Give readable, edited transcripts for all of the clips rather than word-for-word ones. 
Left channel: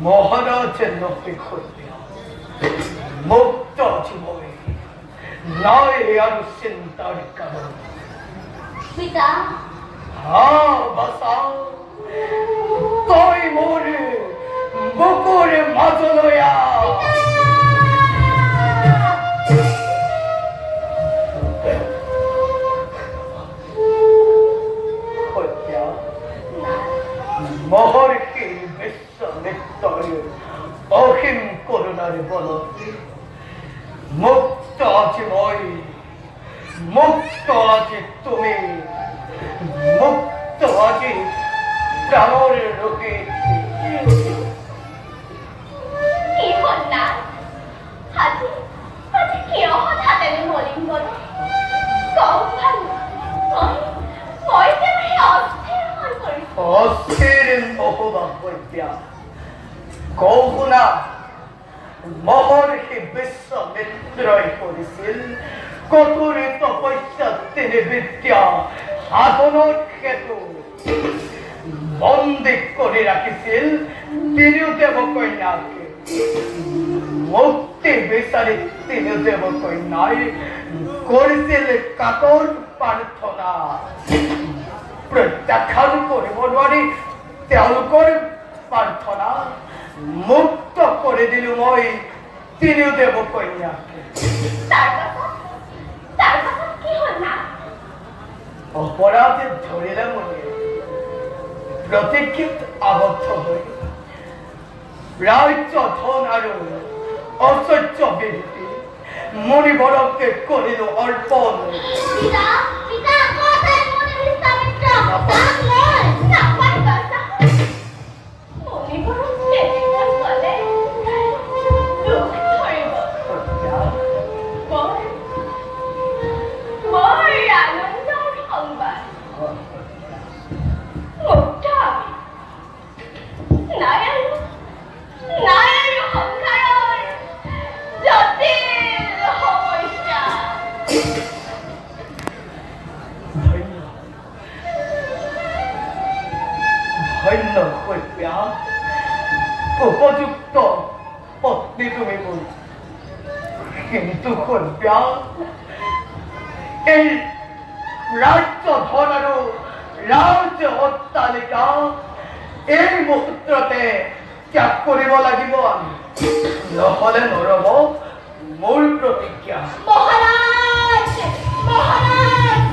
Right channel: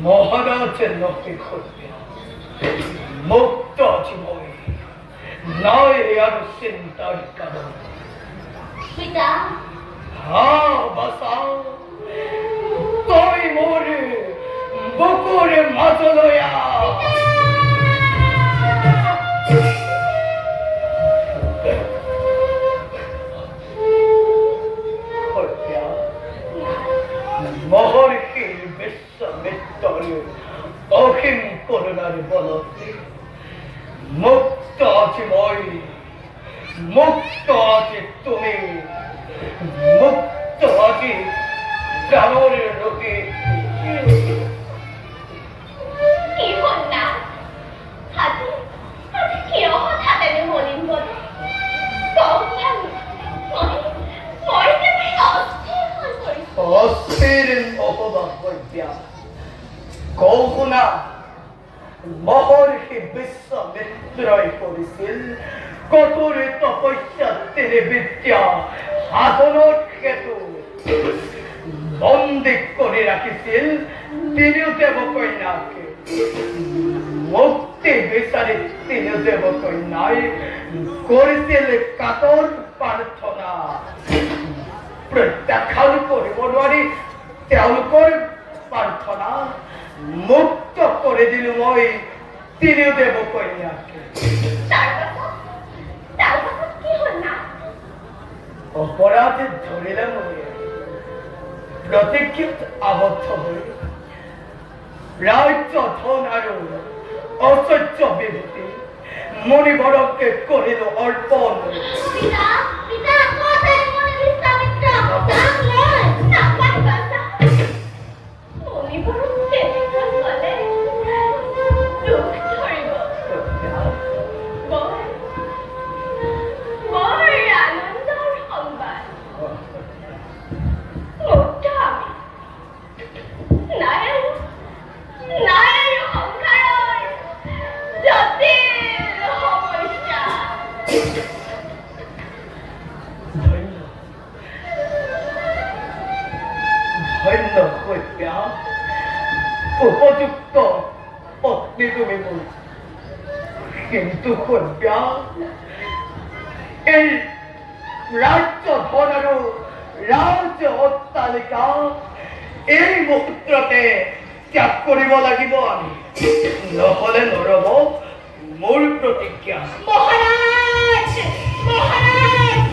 মহারাজের লোকে করতে মুক্ত জীবনে নয় আর চিন্তার কারণ পিতা হ্যাঁ বাসা তুমি মোরে বুকুরে মাজলয়া মহর্ষির বিশ্বমিত্তরে অহিম করুণার বলতে মুক্ত আছে মই মুক্ত আছে তুমি মুক্ত আছে প্রাণের রোগে কি হল না আজি আজি কিয় হঠাতে মরিম বলে কখন মই তুমি অস্থির হৈ পৰিছো অস্থির অপবাদ হইয়া কৌনা মহর্ষি বিশ্বমিত্রই করেছিল কঠোর তপস্যা তিনি বিদ্যা সাধনের ক্ষেত্র বন্দী করে রাখিছিল তিনিও দেবকন্যাকে মুক্তি বিচারে তিনি দেবকন্যায় করেছিল কাতর প্রার্থনা প্রত্যাখ্যান কৰিব নোৱাৰি তেওঁলোকৰ প্ৰাৰ্থনা মুক্ত করে দিল মই তিনিও দেবকন্যাকে অপরাধে ধরিলাম প্রতীক্ষিত আবদ্ধ হয়ে রাজ্য ধন আর ঐশ্বর্য বৃদ্ধি মণিবরকে করিল অর্পণ উপযুক্ত পত্নী তুমি বলো কিন্তু কন্যা এই রাজ্য ধন রাজ্য অট্টালিকা এই মুহূর্ততে ত্যাগ কৰিব লাগিব আমি নহলে নৰব মোৰ প্ৰতিজ্ঞা মহাৰাজ মহাৰাজ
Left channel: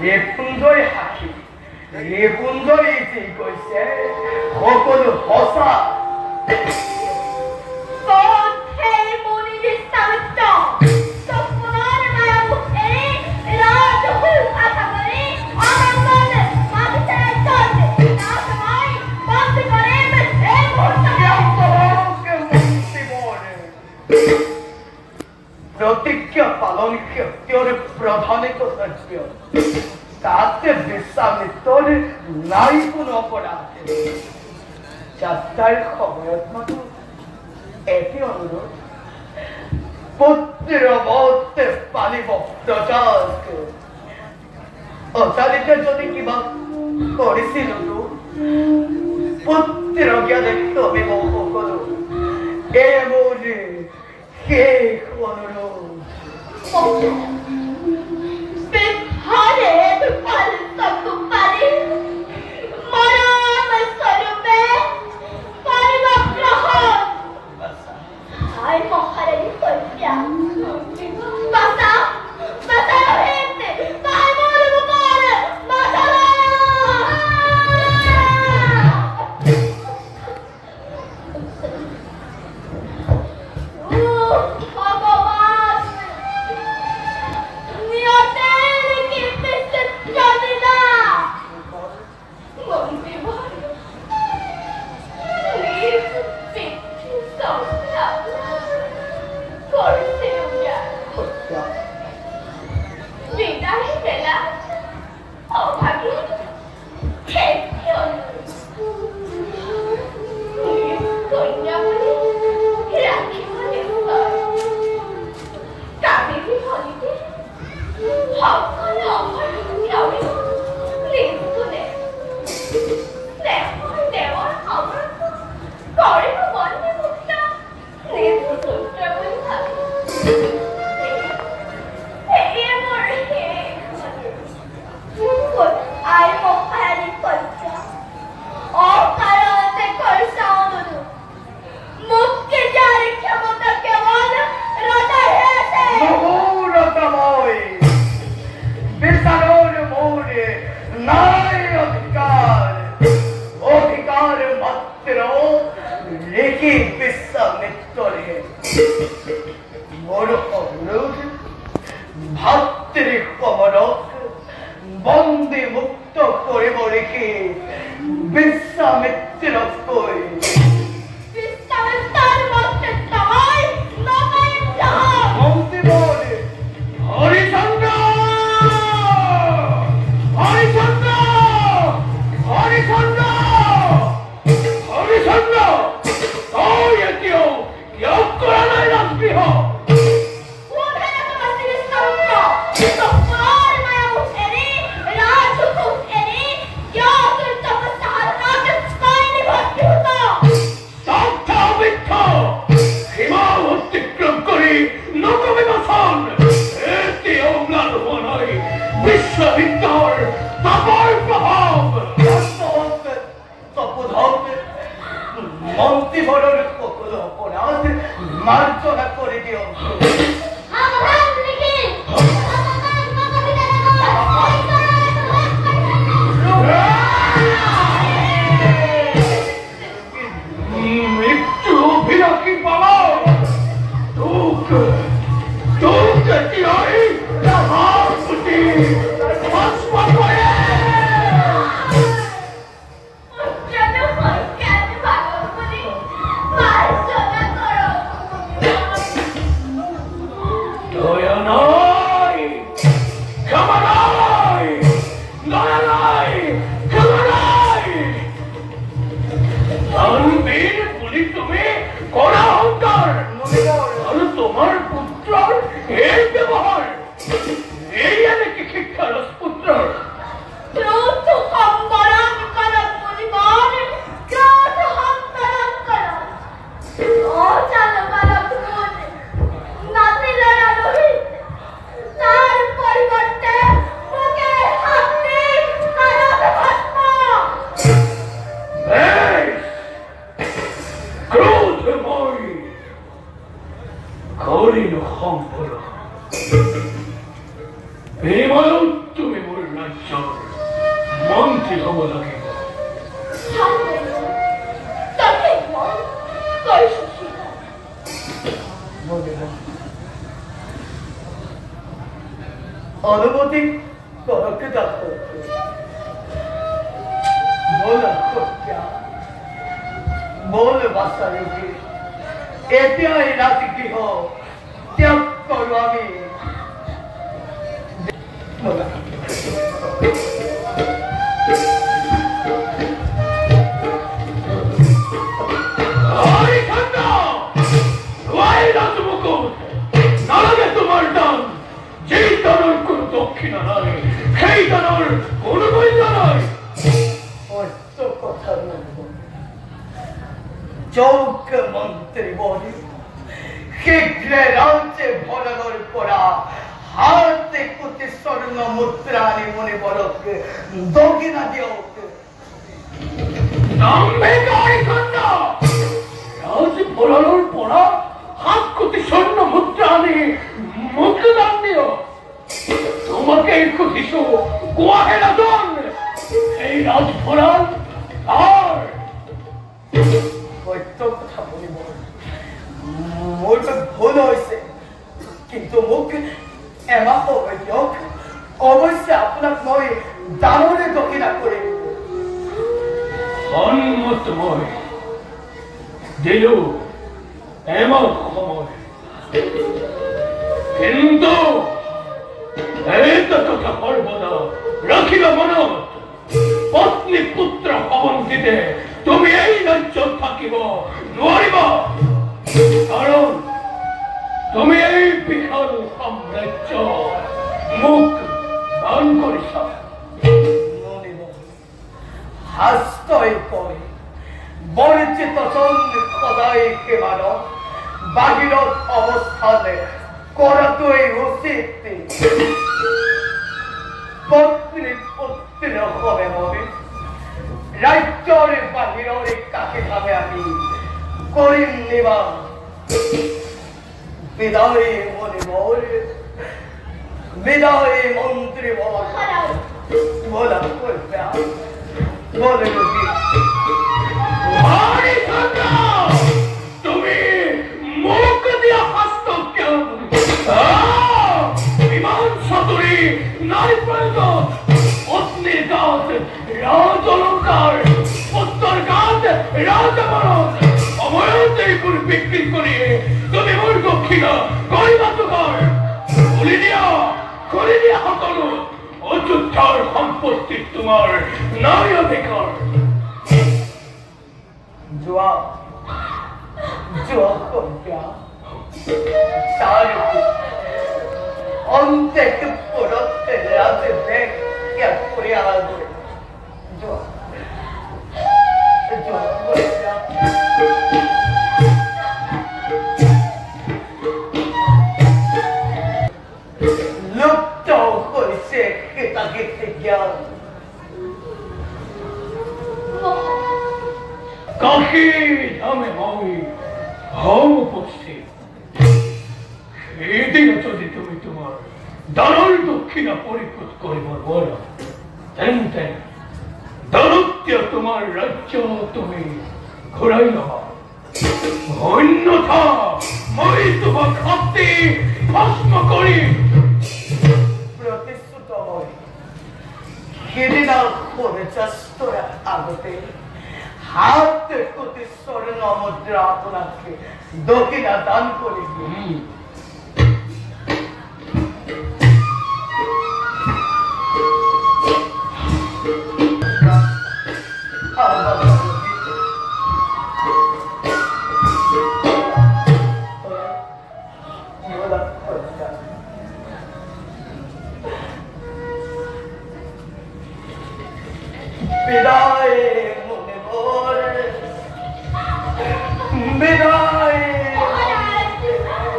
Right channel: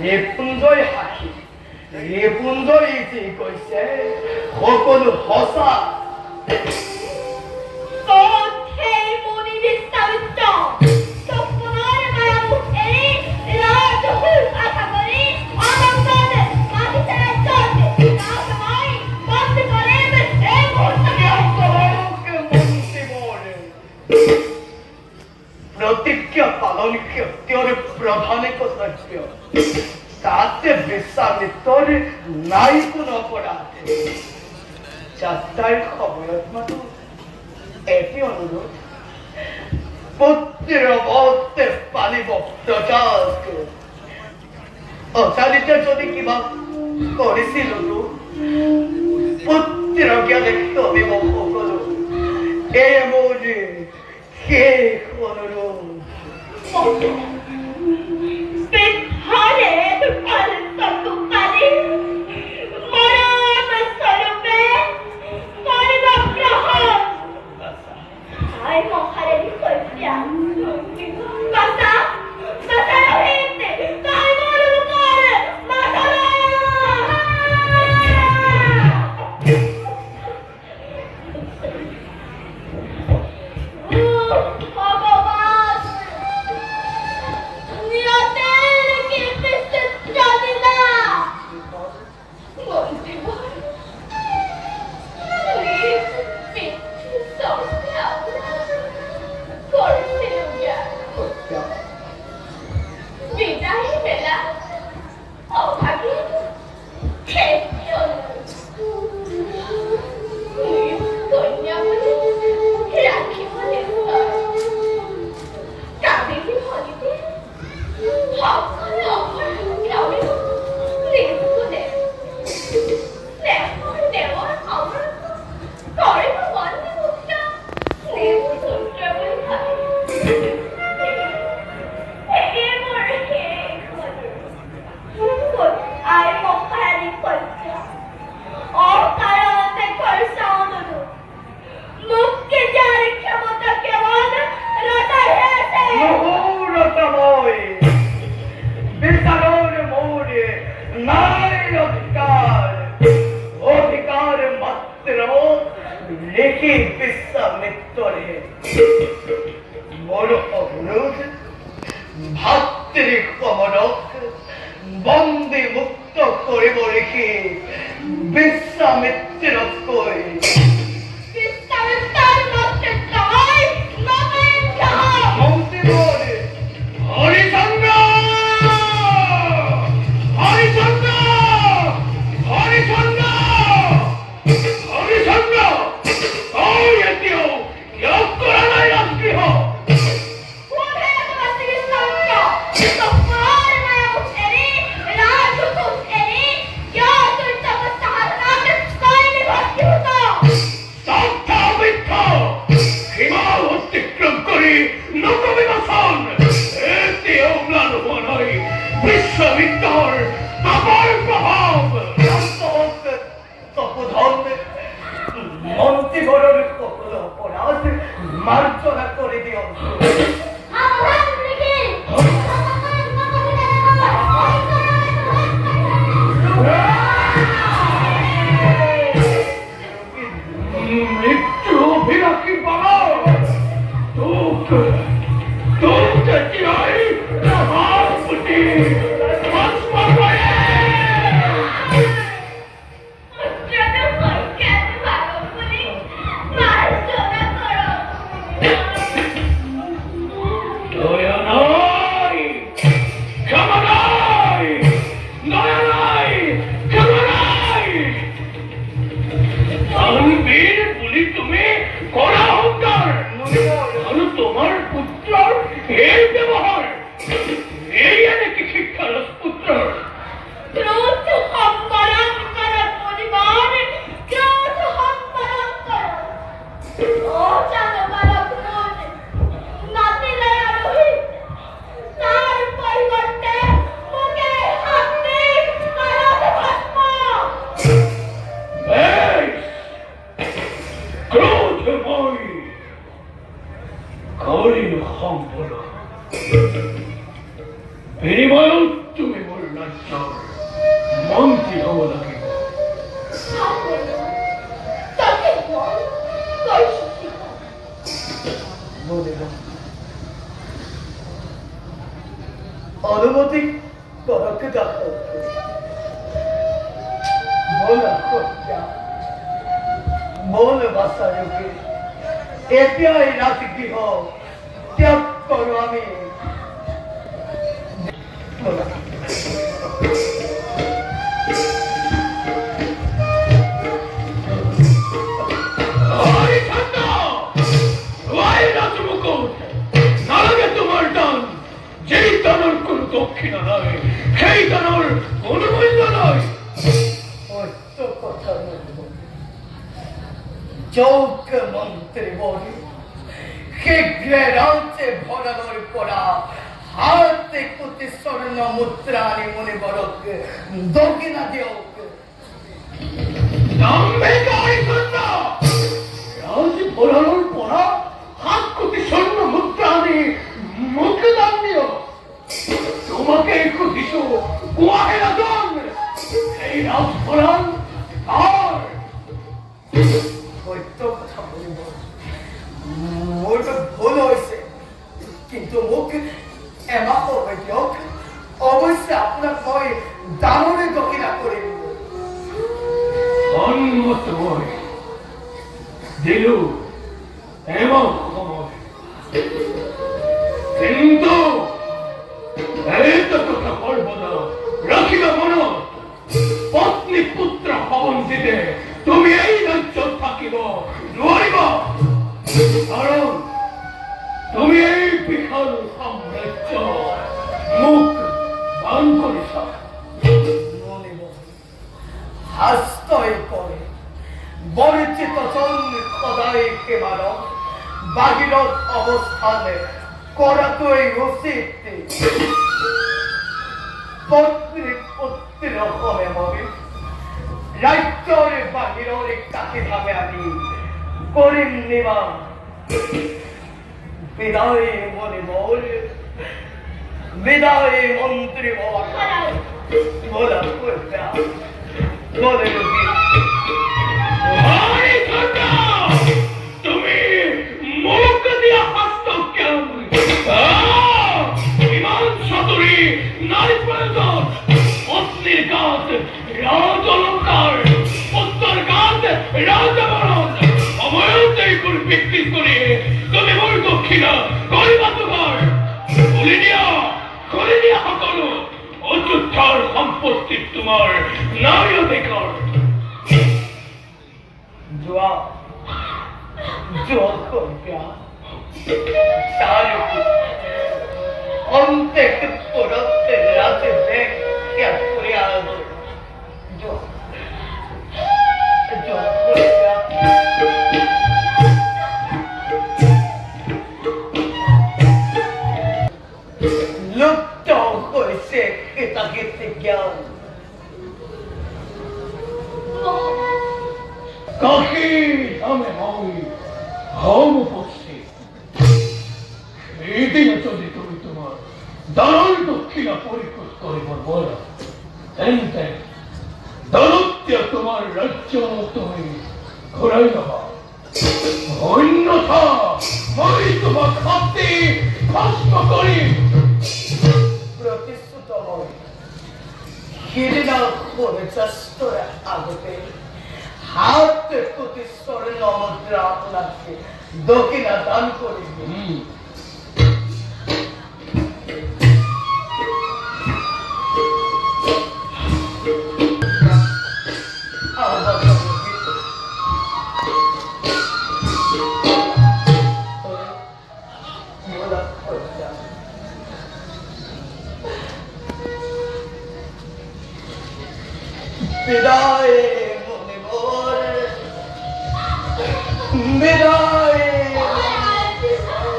ৰেপুঞ্জয় সাক্ষী ৰেপুঞ্জয় যি কৈছে সকলো সঁচা प्रतिज्ञा पालन क्षत्रिय प्रधान कर्तव्य ताते বিশ্বামিত্ৰৰ নাই কোনো অপৰাধ যাত্ৰাৰ সময়ত মাতো এটি অনুৰোধ পুত্ৰৰ মতে পালিব প্ৰজাত অচালিতে যদি কিবা কৰিছিল পুত্ৰৰ জ্ঞানে তুমি মোক সকলো এই মোৰ শেষ অনুৰোধ How can I কমরক বন্দে মুক্ত করে রেখে বিশ্রামের তিলক করি হরিচন্দ্র হরিচন্দ্র হরিচন্দ্র হরিচন্দ্র ওই এটিও করা রাত্রি হোক বিশ্ববিদ্যার তাপর প্রভাব তপধন মন্ত্রীবরের অপরাধ মার্জনা করে দিও মৃত্যু বিরাকি পালা দুঃখ দুঃখ কি হয় তোমার পুত্র এই ব্যবহার এই নাকি শিক্ষা পুত্র করিল সম্পূর্ণ বিনিময় তুমি মোর রাজ্যর মন্ত্রী হব লাগিব অনুমতি করকে দেখো মোল বাসারিকে এতিয়াই রাতি গৃহ ত্যাগ করো আমি তোমার দান যেই দানের কোন দক্ষিণা নয় সেই দানের কোন মূল্য নয় কথা চৌক মন্ত্রী বলি শীঘ্রে রাজ্যে ভরানোর পরা হাতে কোটি স্বর্ণ মুদ্রানি মনে বরক দক্ষিণা দিও রাজ ভরানোর পরা হাত কোটি স্বর্ণ মুদ্রানি মুখে দান দিও তোমাকে কোটিশ গোয়াহেরা দন এই রাজ ভরান আর কথা বলিব মোর ভুল হয়েছে কিন্তু মোক এমা দিয়ক অবশ্যই আপোনাক মই ডাঙৰে দক্ষিণা কৰিম সন্মত মই দিলো এমা সময় কিন্তু এইটা কথা সৰ্বদা ৰাখিবা মনত পত্নী পুত্ৰ ভবন দিতে তুমি এই ৰাজ্য থাকিব নোৱাৰিব কাৰণ তুমি এই বিশাল সাম্ৰাজ্য মুখ দান কৰিছা হাস্তই কৈ বৰ্জিত সদায় কেৱল বাহিৰত অৱস্থানে কৰাটোৱেই উচিত পত্নী পুত্ৰৰ হলে হবে রাজ্যের বাহিরে কাকে ভাবে আমি করিম নেবা বিদায় মনে বল বিদায় মন্ত্রী বল বলা করতে বলে তুমি মুখ দিয়া হস্ত কেন বিমান সতরী নাই প্রয়োজন অগ্নির কাজ রাজলঙ্কার উত্তর কাজ রাজবরণ অবয়তেই করে বিক্রি করে তুমি মোর দক্ষিণা করিবা তোমার কলিনিয়া সকল অযোধ্যার সম্পত্তি তোমার নাই অধিকার জোয়া কন্যা Salve! Onde que por onde la te ve que ha criado? Yo. Look down for a sec, it's a gift again. Kaki, ame moi, home posti. এদিন যদি তুমি তোমার দালাল দক্ষিণা পরিশোধ করিবার বলা তেন দানত্য তোমার রাজ্য তুমি ঘুরাই নেবা অন্যথা মই তোমার শক্তি ভস্ম করি প্রতিশ্রুত হই সেদিন করে চেষ্টার আগতে হাতে কোটি স্বর্ণ মুদ্রা আপনাকে দক্ষিণা দান করিবে Vidae munimor, vidae munimor.